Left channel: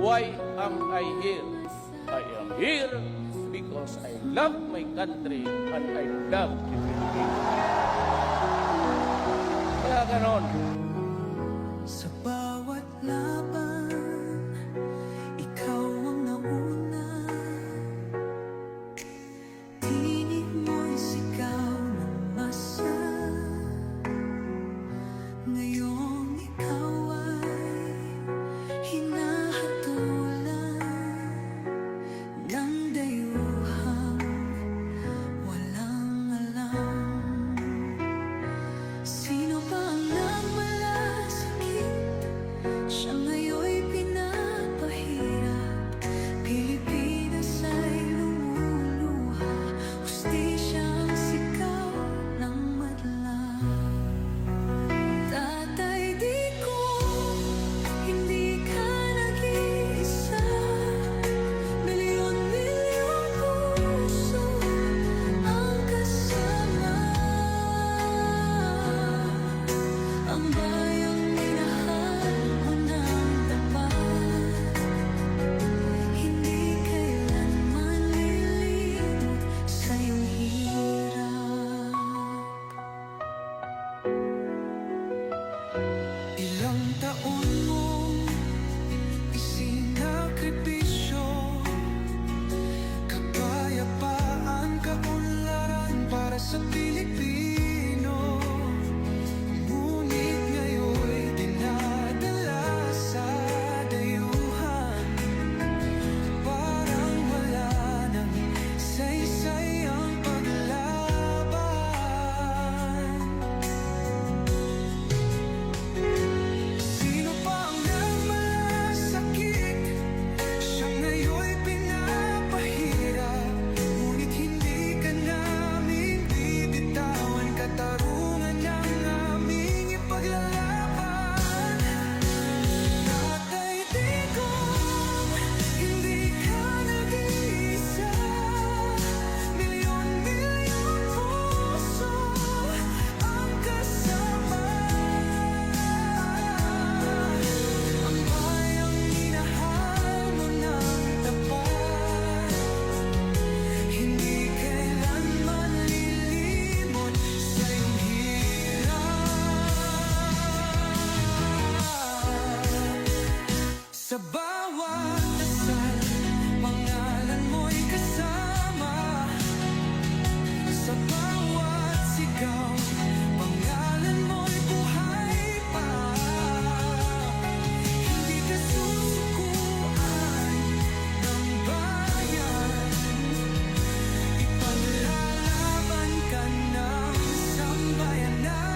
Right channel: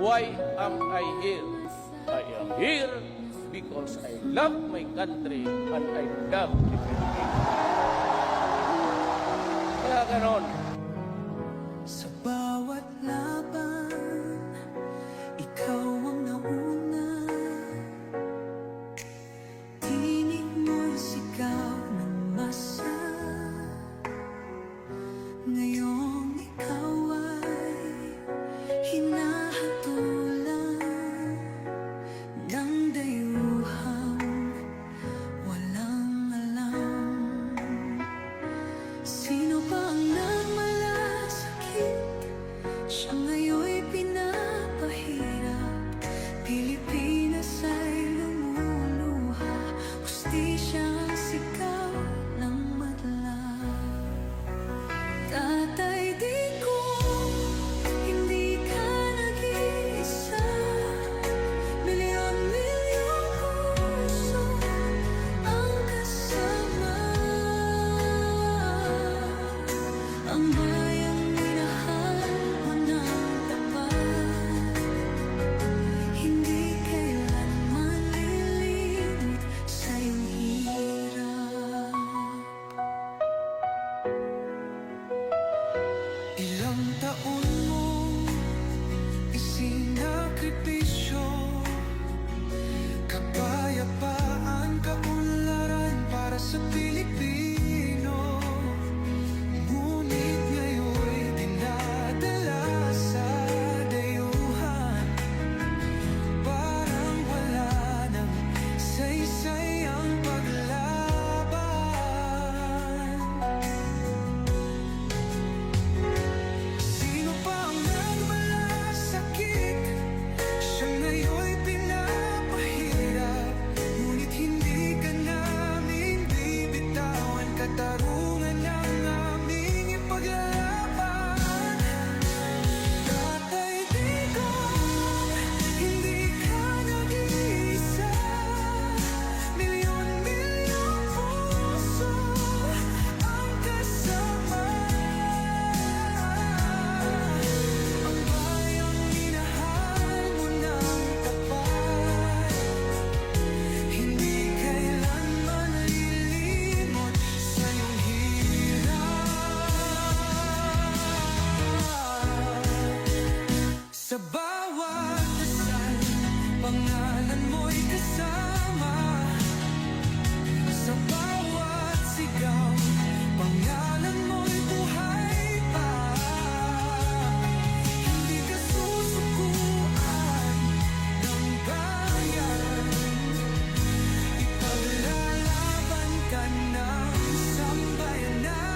Why am I here? I am here because I love my country and I love the Philippines. Kaya ganon. Sa bawat laban, ikaw ang nauna. Tinig mo'y sigaw ng masa. Ngayong ikaw ay hinahatulan ng dayuhang walang alam. Sino pa ang nagmalasakit? Siya ngayon'y pinapahirap. Pilipinas ay lumuluha, hustisyang sigaw ng madla. Tatay, di ko, hindi ka nag-iisa. Milyon-milyong puso ang kasama. Ang bayang minahal mo ng tapat, hindi kailanman lilimot sa iyong hirap. Ilang taon mong isinakripisyo, kapayapaan, kaunlaran para sa Pilipino. Ngunit ngayon'y dinadala sa dayuhan. Parang wala nang saysay ang paglaban. Sino pa ang nagmalasakit? Siya ngayon'y pinapahirap. Ngunit hindi ka namin bibitawan. Katarungan ng aming ipaglalaban. Tatay Digong, hindi ka nag-iisa. Milyon-milyong puso ang kasama. Ang bayang minahal mo ng tapat, hindi kailanman lilimot sa iyong hirap. Sa bawat dasal, pangalan mo'y kasama. Sa bawat sigaw, pangalan mo'y buhay pa. Hindi ka susukuan ng bayan, ipaglalaban ka ng sambayanan.